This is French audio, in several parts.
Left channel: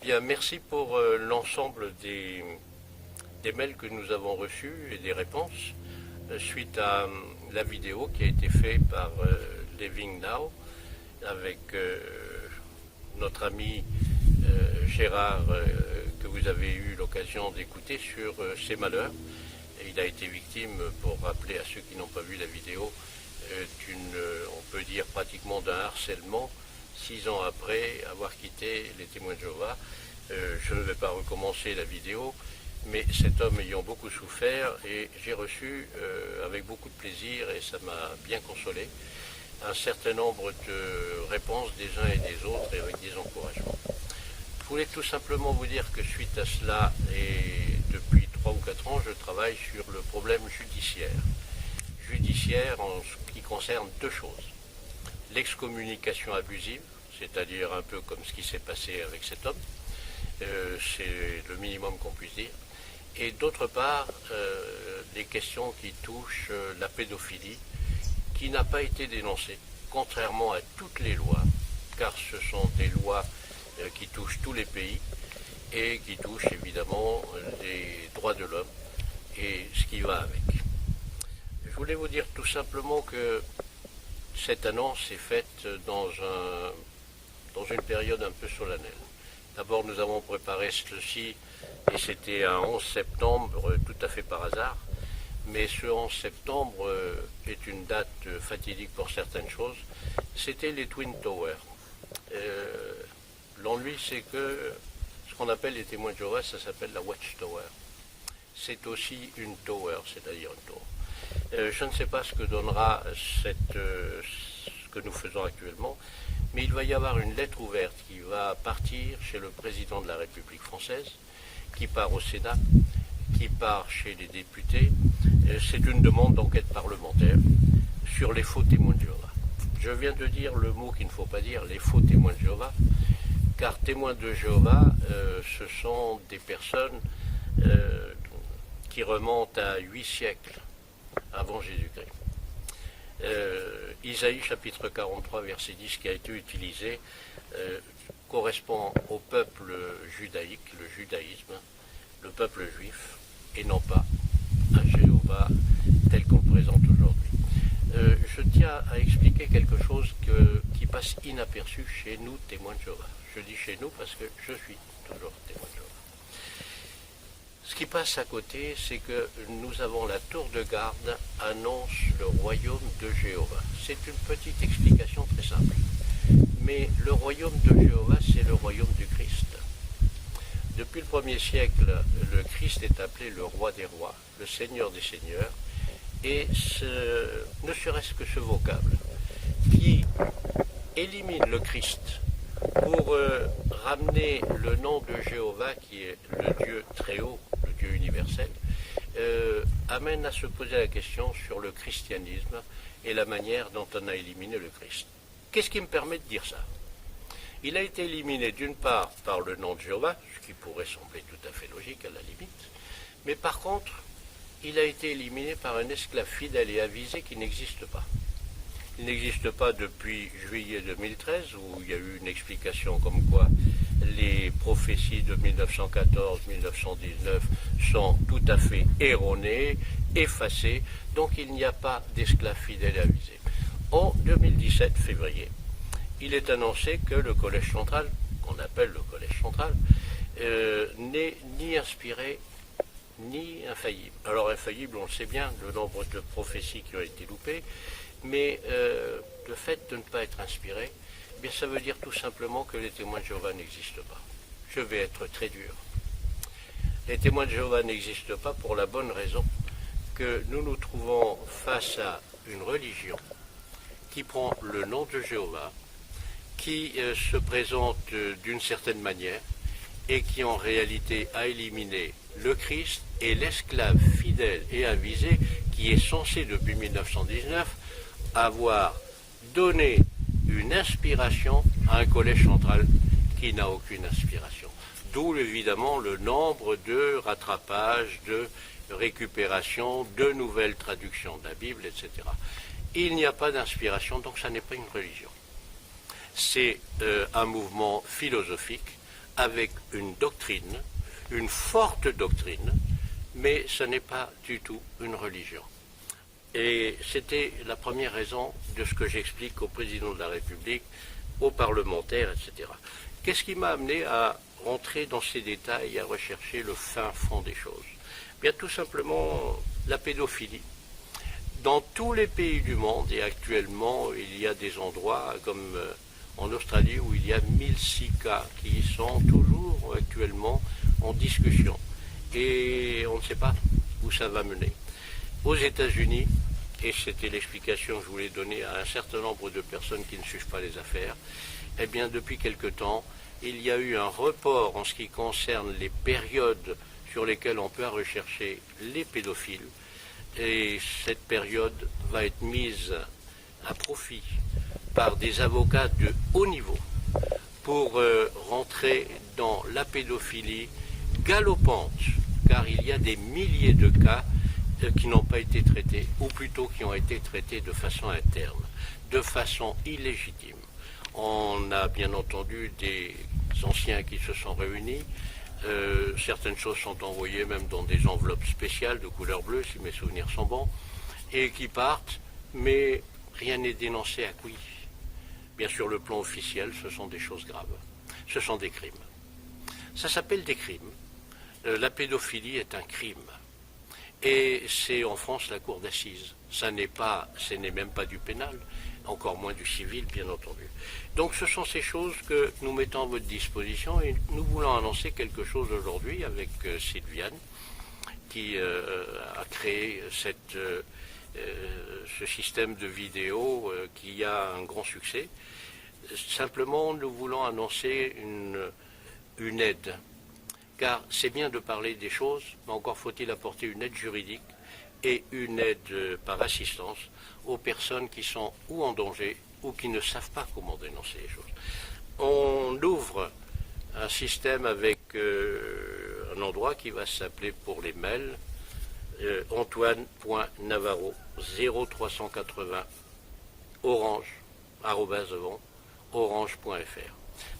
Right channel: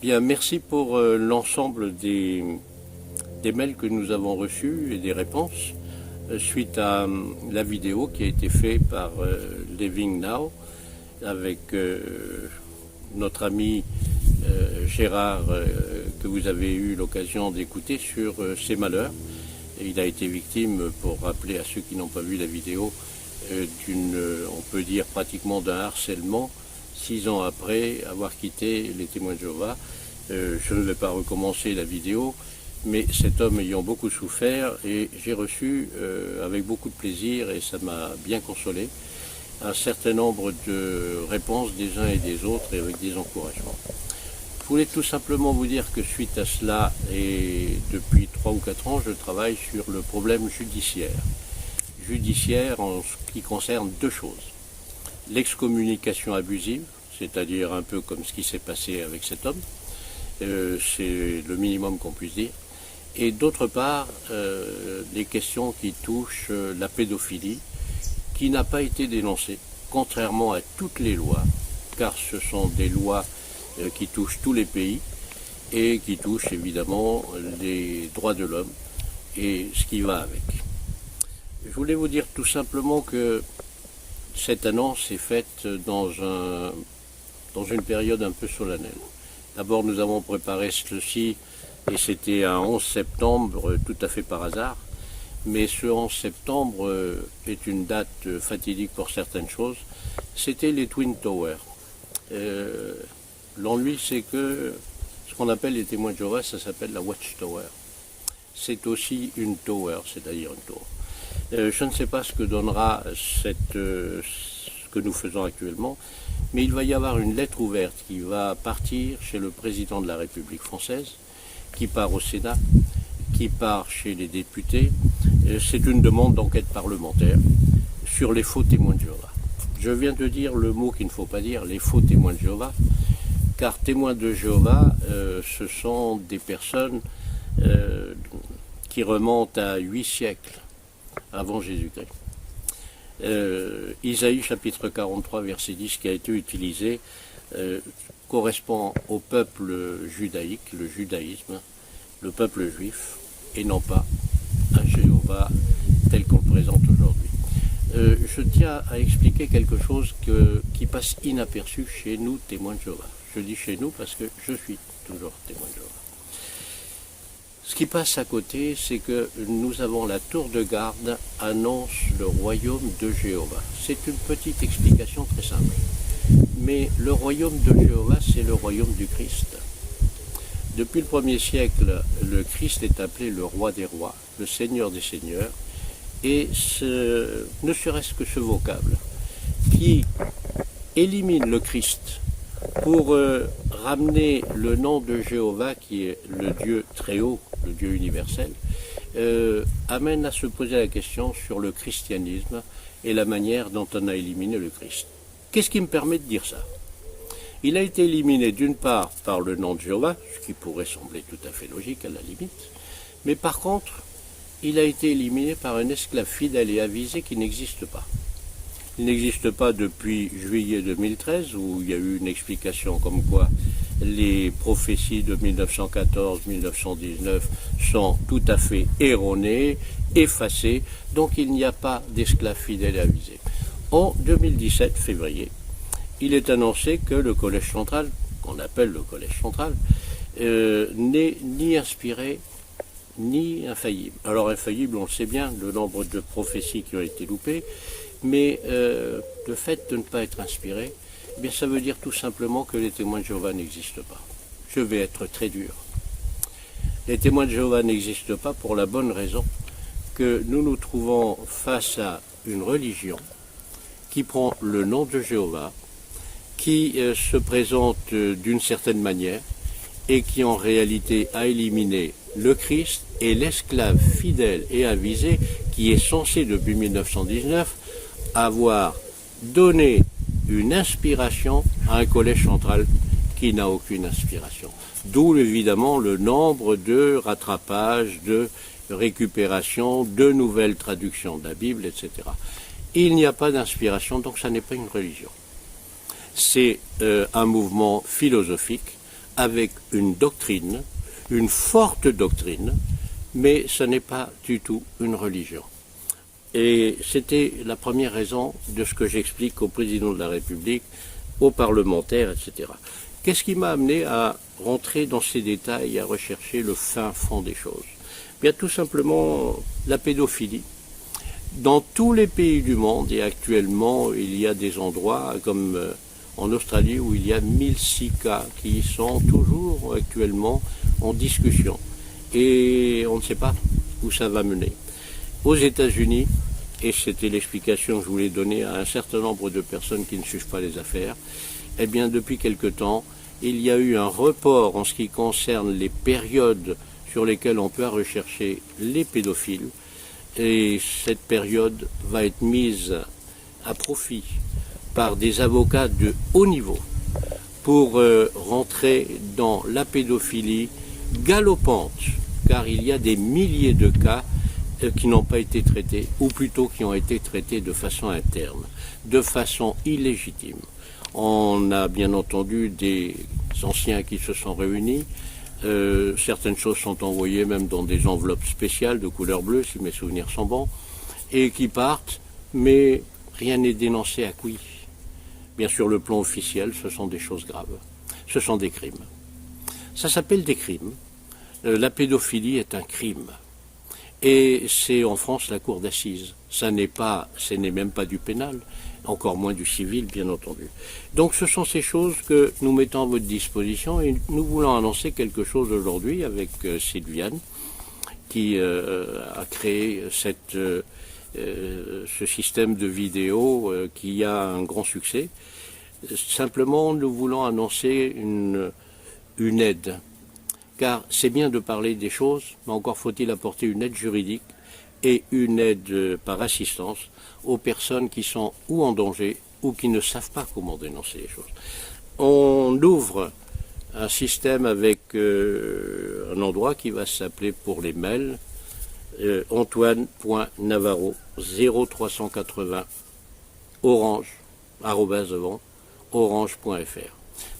Bien, merci pour l'ensemble des mails que nous avons reçus et des réponses suite à la vidéo qui a été faite par Living Now avec notre ami Gérard que vous avez eu l'occasion d'écouter sur ses malheurs. Et il a été victime, pour rappeler à ceux qui n'ont pas vu la vidéo, on peut dire pratiquement d'un harcèlement 6 ans après avoir quitté les témoins de Jéhovah. Je ne vais pas recommencer la vidéo, mais cet homme ayant beaucoup souffert, et j'ai reçu avec beaucoup de plaisir, et ça m'a bien consolé, un certain nombre de réponses des uns et des autres, et avec des encouragements. Je voulais tout simplement vous dire que suite à cela, et depuis 3 ou 4 ans, je travaille sur le problème judiciaire. Judiciaire en ce qui concerne 2 choses. L'excommunication abusive, c'est-à-dire un peu comme ce qui s'est passé avec cet homme, c'est le minimum qu'on puisse dire, et d'autre part, des questions qui touchent la pédophilie, qui n'a pas été dénoncée, contrairement à toutes les lois, car ce sont des lois qui touchent tous les pays, et qui touchent évidemment les droits de l'homme, et ce qui va avec. Je voulais vous dire tout simplement que cette annonce est faite dans une période un peu solennelle. D'abord, nous avons préparé ceci, et c'était un 11 septembre, tout à fait par hasard. Mais ce 11 septembre est une date fatidique pour certaines choses. C'était les Twin Towers. L'ennui, c'est que ce qu'on appelle les témoins de Jéhovah, ça s'appelle la Watchtower. C'est aussi une tower, c'est-à-dire une tour. Je ne sais pas ce que donnera ce que nous faisons actuellement, mais il va y avoir une lettre ouverte qui va partir chez le président de la République française, qui part au Sénat, qui part chez les députés. C'est une demande d'enquête parlementaire sur les faux témoins de Jéhovah. Je viens de dire le mot qu'il ne faut pas dire, les faux témoins de Jéhovah, car témoins de Jéhovah, ce sont des personnes qui remontent à 8 siècles avant Jésus-Christ. Isaïe chapitre 43 verset 10 qui a été utilisé correspond au peuple judaïque, le judaïsme, le peuple juif, et non pas à Jéhovah tel qu'on le présente aujourd'hui. Je tiens à expliquer quelque chose qui passe inaperçu chez nous, témoins de Jéhovah. Je dis chez nous parce que je suis toujours témoin de Jéhovah. Ce qui passe à côté, c'est que nous avons la tour de garde annonce le royaume de Jéhovah. C'est une petite explication très simple. Mais le royaume de Jéhovah, c'est le royaume du Christ. Depuis le 1er siècle, le Christ est appelé le roi des rois, le seigneur des seigneurs, et ne serait-ce que ce vocable qui élimine le Christ pour ramener le nom de Jéhovah, qui est le Dieu très haut, le Dieu universel, amène à se poser la question sur le christianisme et la manière dont on a éliminé le Christ. Qu'est-ce qui me permet de dire ça? Il a été éliminé d'une part par le nom de Jéhovah, ce qui pourrait sembler tout à fait logique à la limite, mais par contre, il a été éliminé par un esclave fidèle et avisé qui n'existe pas. Il n'existe pas depuis juillet 2013, où il y a eu une explication comme quoi les prophéties de 1914-1919 sont tout à fait erronées, effacées, donc il n'y a pas d'esclave fidèle et avisé. En 2017, février, il est annoncé que le Collège central, qu'on appelle le Collège central, n'est ni inspiré ni infaillible. Alors infaillible, on le sait bien, le nombre de prophéties qui ont été loupées, mais le fait de ne pas être inspiré, eh bien, ça veut dire tout simplement que les témoins de Jéhovah n'existent pas. Je vais être très dur. Les témoins de Jéhovah n'existent pas pour la bonne raison que nous nous trouvons face à une religion qui prend le nom de Jéhovah, qui se présente d'une certaine manière et qui en réalité a éliminé le Christ et l'esclave fidèle et avisé qui est censé depuis 1919 avoir donné une inspiration à un collège central qui n'a aucune inspiration. D'où évidemment le nombre de rattrapages, de récupérations, de nouvelles traductions de la Bible, etc. Il n'y a pas d'inspiration, donc ça n'est pas une religion. C'est un mouvement philosophique, avec une doctrine, une forte doctrine, mais ce n'est pas du tout une religion. Et c'était la première raison de ce que j'explique au président de la République, aux parlementaires, etc. Qu'est-ce qui m'a amené à rentrer dans ces détails et à rechercher le fin fond des choses? Bien, tout simplement la pédophilie. Dans tous les pays du monde, et actuellement il y a des endroits comme en Australie où il y a 1006 cas qui sont toujours actuellement en discussion. Et on ne sait pas où ça va mener. Aux États-Unis, et c'était l'explication que je voulais donner à un certain nombre de personnes qui ne suivent pas les affaires, eh bien depuis quelque temps, il y a eu un report en ce qui concerne les périodes sur lesquelles on peut rechercher les pédophiles, et cette période va être mise à profit par des avocats de haut niveau pour rentrer dans la pédophilie galopante, car il y a des milliers de cas qui n'ont pas été traités, ou plutôt qui ont été traités de façon interne, de façon illégitime. On a bien entendu des anciens qui se sont réunis, certaines choses sont envoyées même dans des enveloppes spéciales de couleur bleue, si mes souvenirs sont bons, et qui partent, mais rien n'est dénoncé à qui. Bien sûr, le plan officiel, ce sont des choses graves, ce sont des crimes. Ça s'appelle des crimes. La pédophilie est un crime. Et c'est en France la cour d'assises. Ce n'est même pas du pénal, encore moins du civil, bien entendu. Donc ce sont ces choses que nous mettons à votre disposition et nous voulons annoncer quelque chose aujourd'hui avec Sylviane, qui a créé ce système de vidéo qui a un grand succès. Simplement, nous voulons annoncer une aide. Car c'est bien de parler des choses, mais encore faut-il apporter une aide juridique et une aide par assistance aux personnes qui sont ou en danger ou qui ne savent pas comment dénoncer les choses. On ouvre un système avec un endroit qui va s'appeler pour les mails Antoine.Navarro 0380 orange.fr.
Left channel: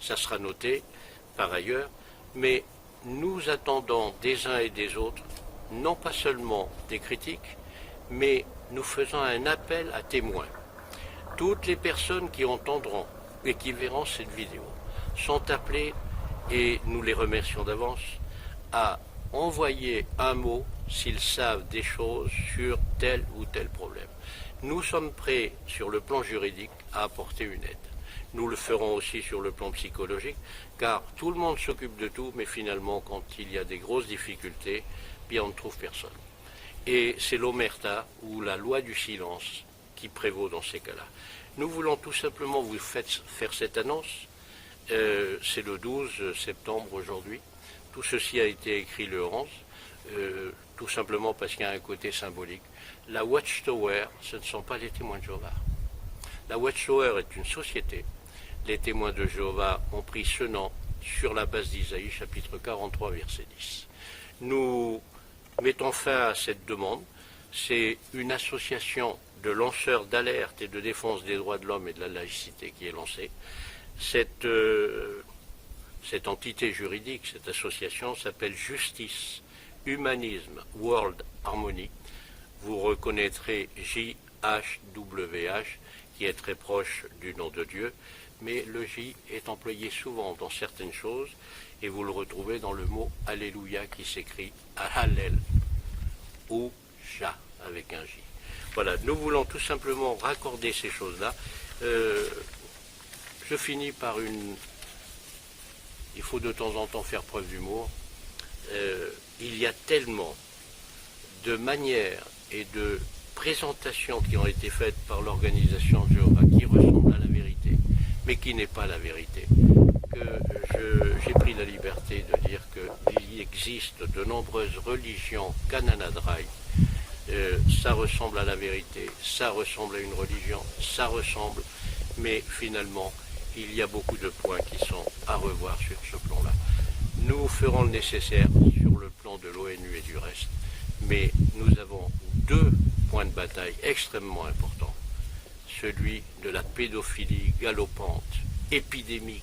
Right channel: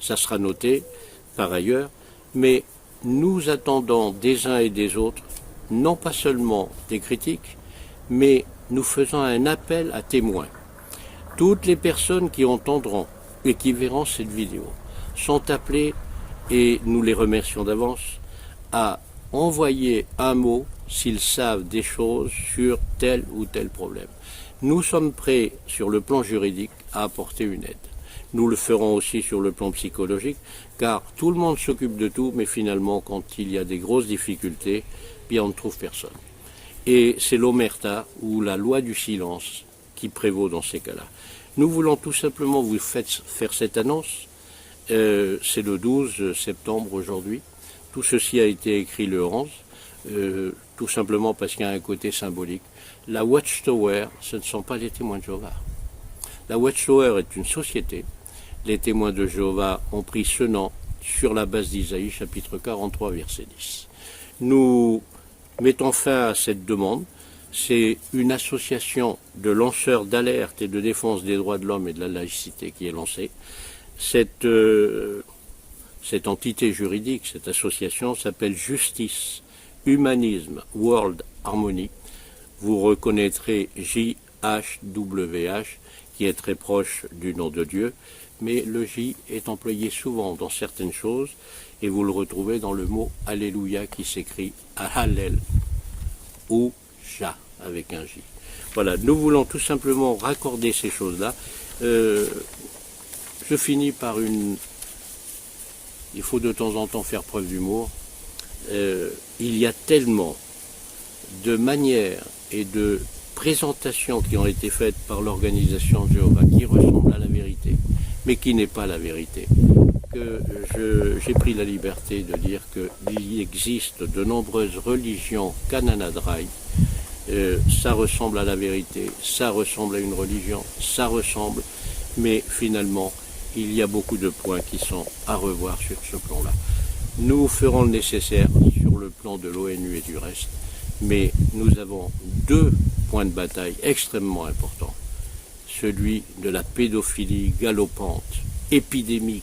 Ça sera noté par ailleurs, mais nous attendons des uns et des autres, non pas seulement des critiques, mais nous faisons un appel à témoins. Toutes les personnes qui entendront et qui verront cette vidéo sont appelées, et nous les remercions d'avance, à envoyer un mot s'ils savent des choses sur tel ou tel problème. Nous sommes prêts, sur le plan juridique, à apporter une aide. Nous le ferons aussi sur le plan psychologique, car tout le monde s'occupe de tout, mais finalement, quand il y a des grosses difficultés, bien on ne trouve personne. Et c'est l'omerta, ou la loi du silence, qui prévaut dans ces cas-là. Nous voulons tout simplement vous faire cette annonce. C'est le 12 septembre aujourd'hui. Tout ceci a été écrit le 11, tout simplement parce qu'il y a un côté symbolique. La Watchtower, ce ne sont pas les témoins de Jéhovah. La Watchtower est une société. Les témoins de Jéhovah ont pris ce nom sur la base d'Isaïe, chapitre 43, verset 10. Nous mettons fin à cette demande. C'est une association de lanceurs d'alerte et de défense des droits de l'homme et de la laïcité qui est lancée. Cette entité juridique, cette association s'appelle Justice, Humanisme, World Harmony. Vous reconnaîtrez JHWH, qui est très proche du nom de Dieu, mais le J est employé souvent dans certaines choses, et vous le retrouvez dans le mot Alléluia qui s'écrit Hallel ou Ja avec un J. Voilà, nous voulons tout simplement raccorder ces choses-là. Je finis par une... Il faut de temps en temps faire preuve d'humour. Il y a tellement de manières et de présentations qui ont été faites par l'organisation de Jéhovah qui ressemblent à la vérité, mais qui n'est pas la vérité, que j'ai pris la liberté de dire qu'il existe de nombreuses religions Kananadrai. Ça ressemble à la vérité, ça ressemble à une religion, ça ressemble, mais finalement, il y a beaucoup de points qui sont à revoir sur ce plan-là. Nous ferons le nécessaire sur le plan de l'ONU et du reste, mais nous avons deux points de bataille extrêmement importants. Celui de la pédophilie galopante, épidémique,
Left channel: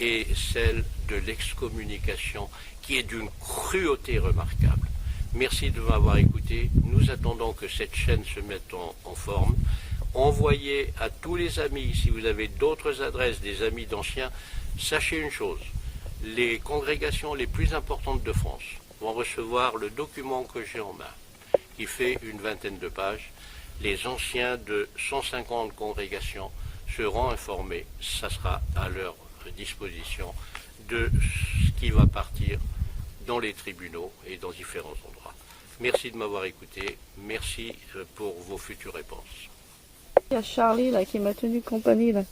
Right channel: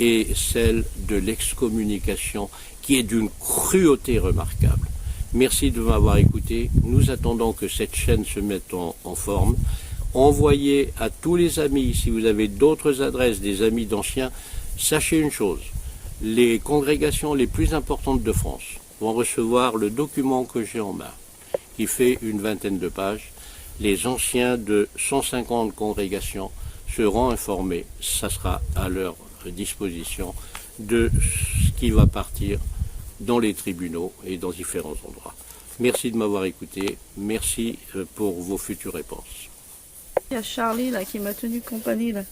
et celle de l'excommunication qui est d'une cruauté remarquable. Merci de m'avoir écouté. Nous attendons que cette chaîne se mette en forme. Envoyez à tous les amis, si vous avez d'autres adresses, des amis d'anciens, sachez une chose, les congrégations les plus importantes de France vont recevoir le document que j'ai en main, qui fait une vingtaine de pages. Les anciens de 150 congrégations seront informés, ça sera à leur disposition, de ce qui va partir dans les tribunaux et dans différents endroits. Merci de m'avoir écouté, merci pour vos futures réponses. Il y a Charlie là qui m'a tenu compagnie là.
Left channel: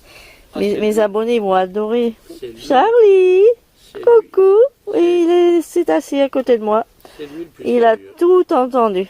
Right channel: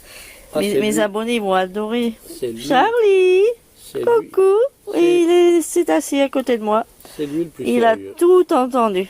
Ah, Mes abonnés vont adorer. C'est lui. Charlie, C'est lui. coucou. Oui, il s'est assis à côté de moi. C'est lui le plus Il a sérieux. tout entendu.